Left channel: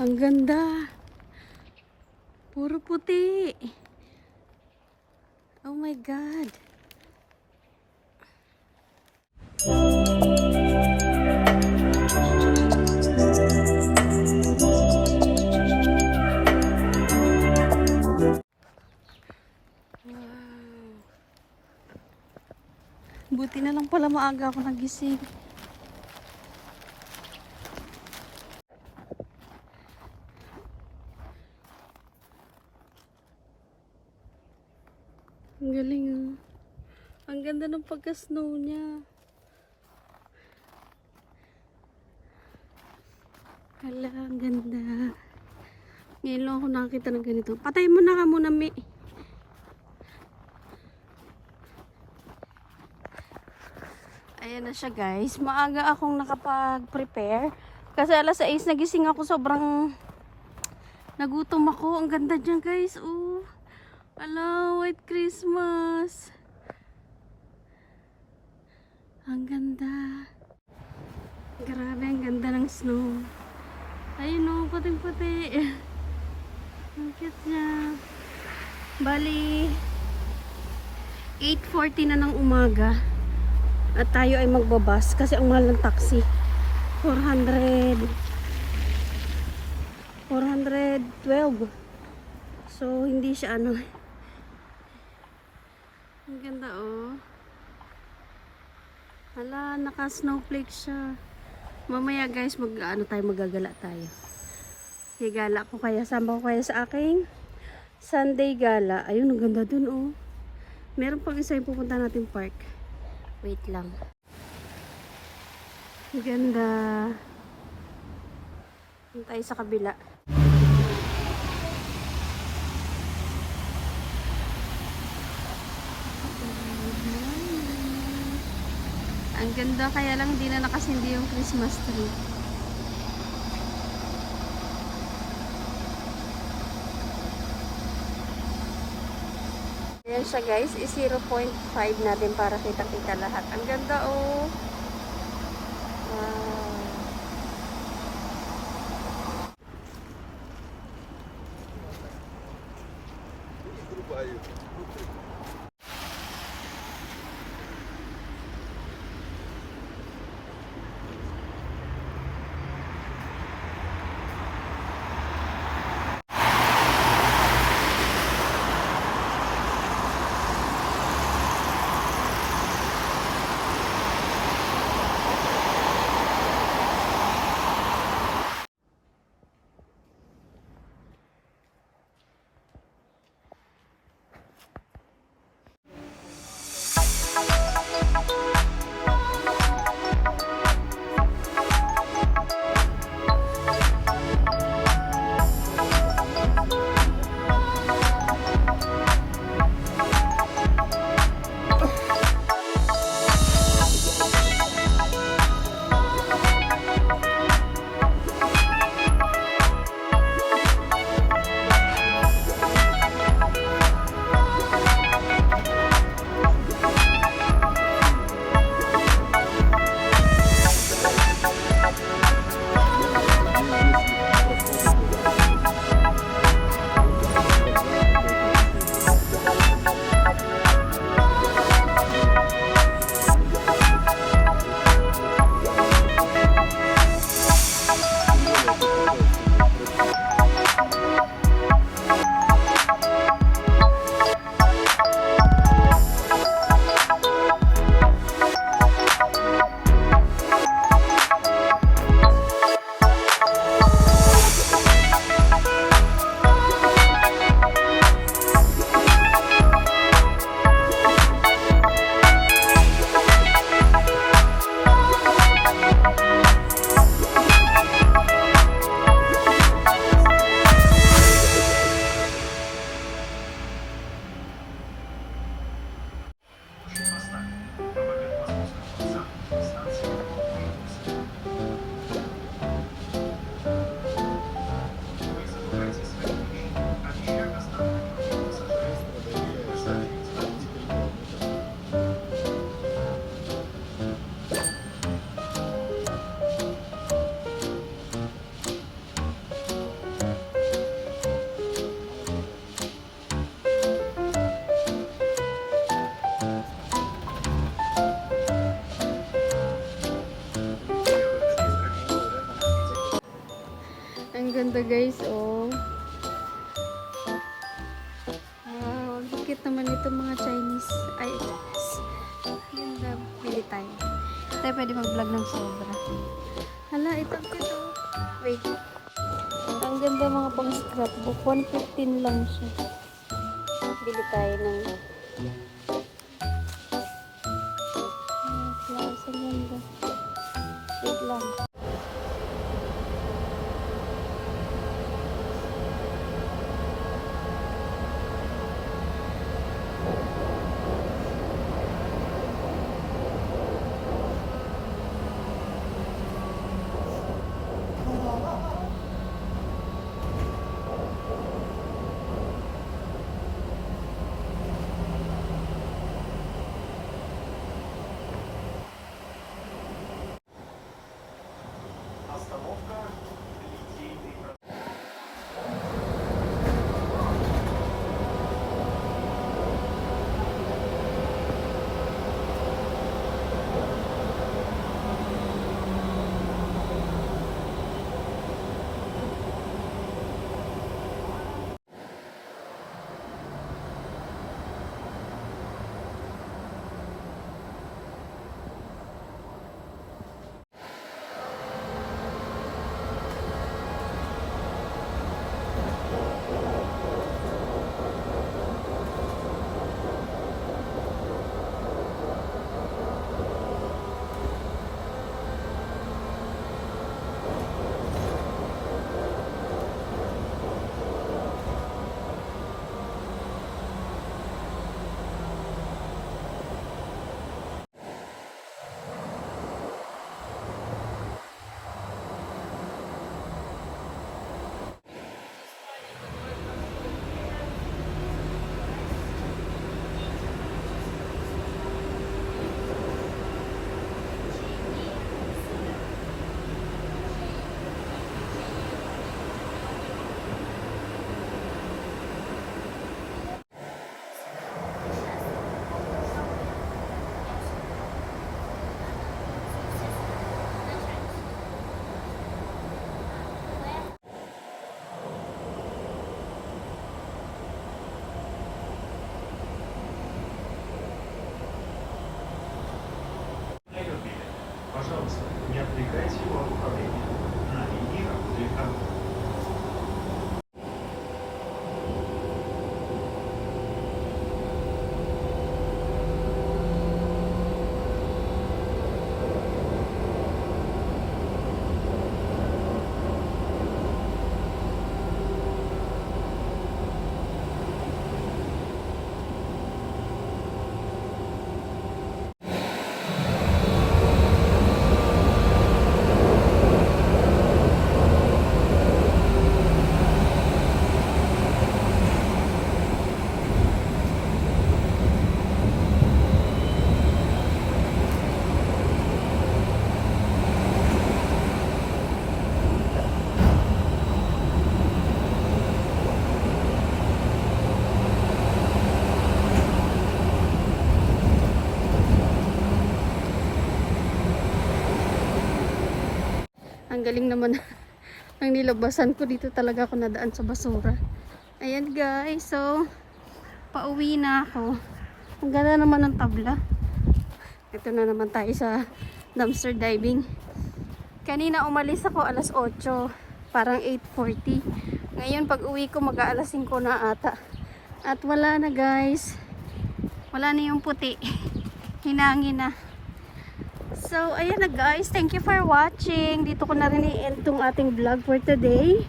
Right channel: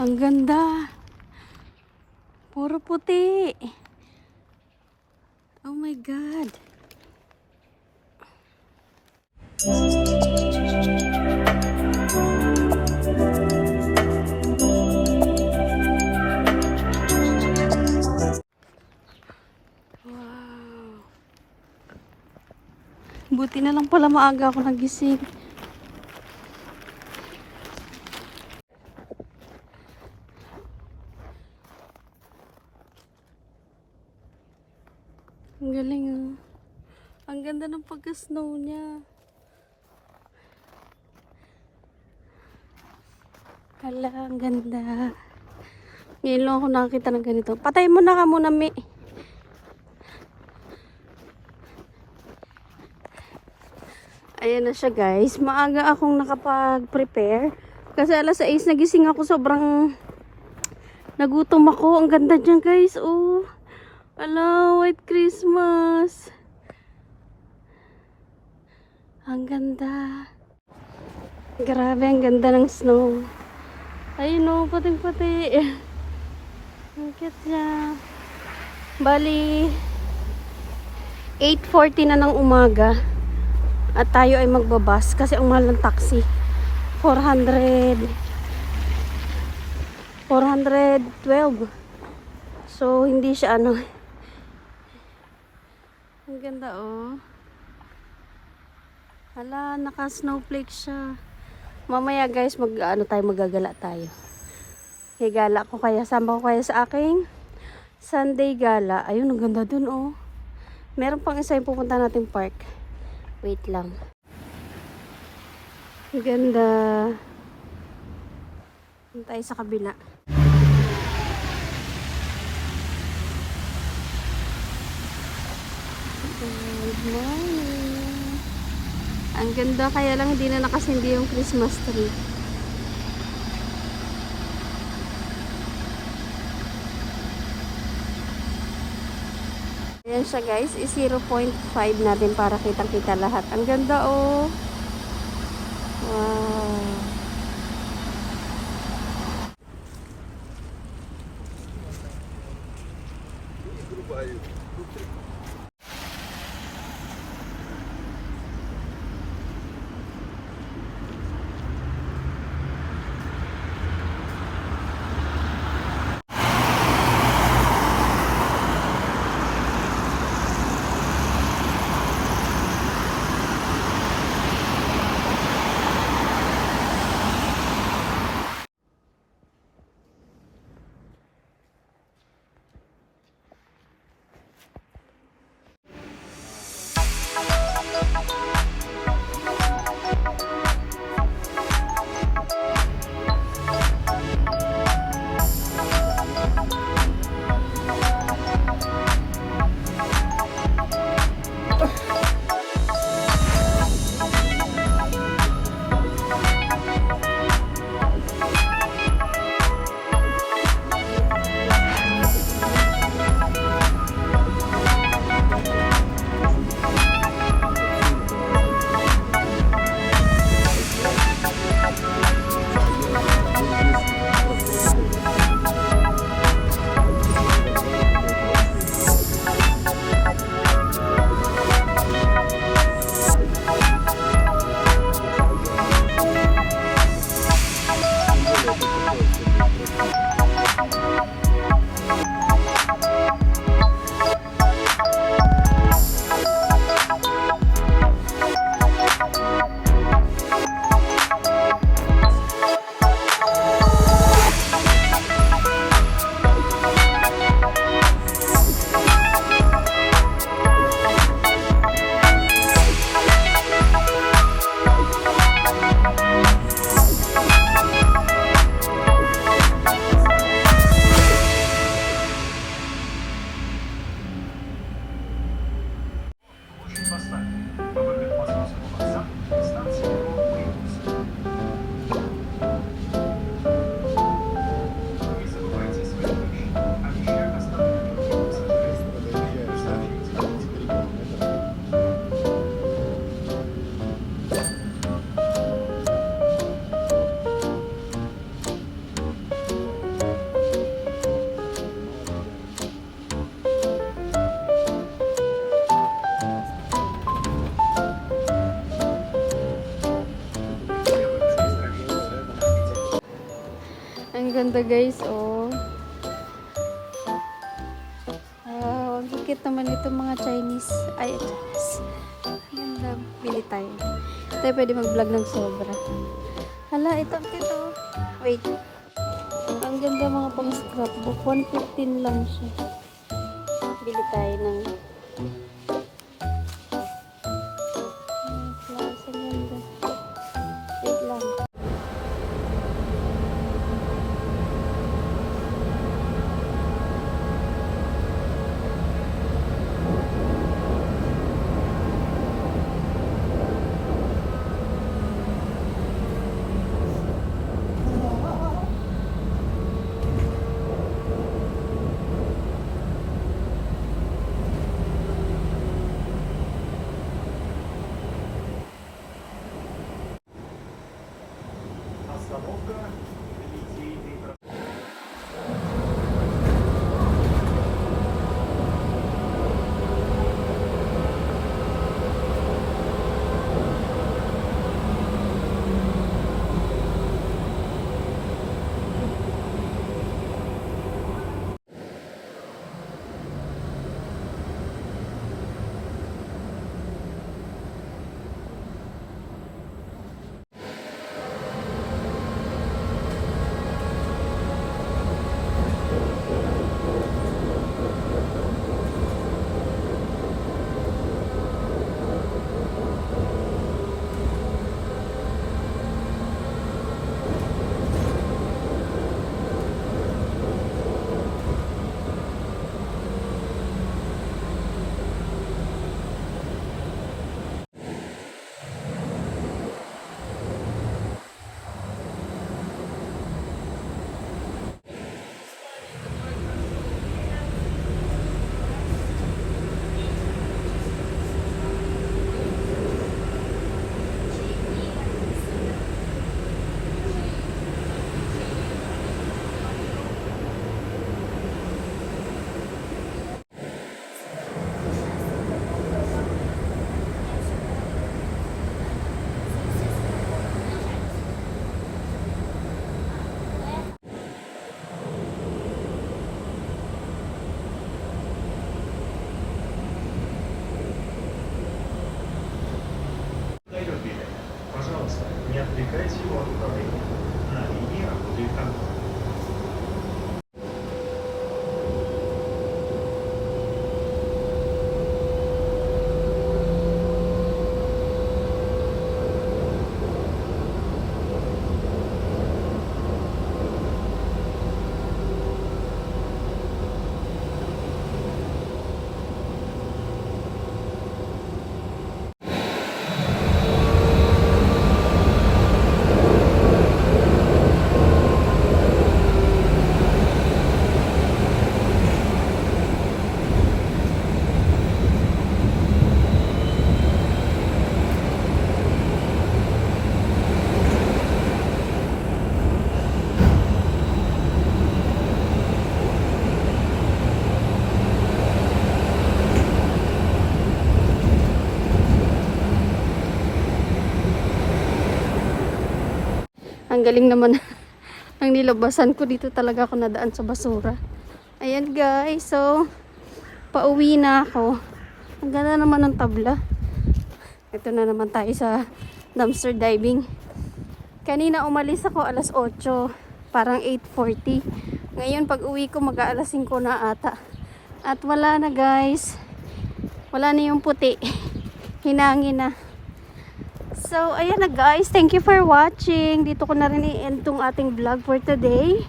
Ang ganda. Puro puti. Oh my God. Buti na lang pala maaga ako nagising. Ang galing oh. Ang ganda ng pagka-snow niya. Hala, ang ganda. Ngayon lang ako nakakita ng ganito. Patay mo na ka muna, Mi. Ayan na siya guys. Maaga akong nakapag-prepare. Kasi alas 6 nagising ako. Sobrang nagutom ako. Ang ganda dyan guys. Oh. Ala, White Christmas. Ang ganda. Grabe, ang ganda ng snow. Ayun oh, puting-puti. Ang cute niya. Bali, 8:40 na ng umaga. At tayo ay magbabas kasi ang mahal ng taxi 412. So hindi siya ano. Ang ganda oh. Hala, naka snowflake siya. Mamaya guys magagala tayo. Gala ko kaya, sama ko kaya sa aking Sunday gala. Ayun, ang ganda dun oh. Meron pang isa yung pupunta natin park. Wait lang. Ganda. Tayo sa kabila. Good morning. Ang ganda, kaya lang hindi na nakasindi yung Christmas tree. Ayan siya guys, 0.5 natin para kitang-kita lahat. Ang ganda oh. Wow. Ang ganda guys, oh. Wow, ang cute naman itong mga Chinese items. Ganda, pili tayo. Tayo pwede mag-vlog ng sobra. Hala, ito ang cute, oh. Wait. Ang ganda mga pang scrapbook. 115 lang siya. Bili tayo ng flowers. Ang ganda. Wait lang. Пожалуйста, не отвлекайте его от управления. На линии работает огонь. Ang galing naman ng nilabasan ko. Dito talaga ako nadaan sa basura. Ayan guys, so pauwi na ako. Ang ganda naman ng tabla. Ito na naman tayo sa dumpster diving. Kanina umalis ako alas 8, parang 8:40. Ngayon pag uwi ko mag-aalas 5 na ata. At wala na guys. Wala na yung puti. Hinangin na. So, ayan na guys. Thank you for watching. Dito ko na rin i-end tong ating vlog for today.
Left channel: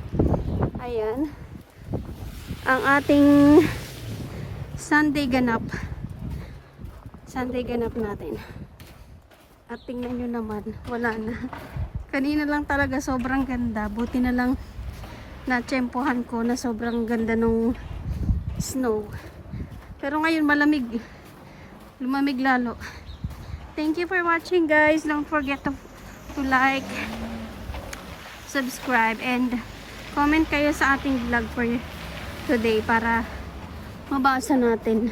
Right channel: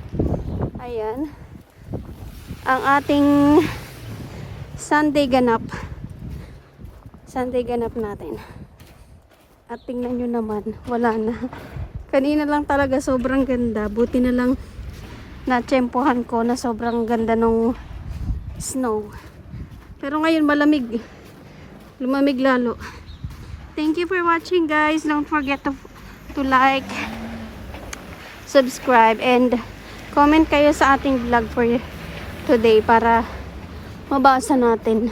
Ayan. Ang ating Sunday ganap. Sunday ganap natin. At tingnan nyo naman. Wala na. Kanina lang talaga sobrang ganda. Buti na lang na-tsempohan ko na sobrang ganda ng snow. Pero ngayon malamig. Lumamig lalo. Thank you for watching guys. Don't forget to like, subscribe, and comment kayo sa ating vlog for today para mabasa natin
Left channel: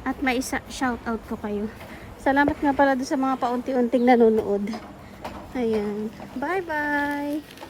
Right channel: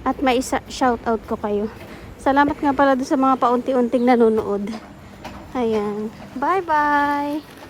at may shoutout ko kayo. Salamat nga pala sa mga paunti-unting nanonood. Ayan. Bye bye!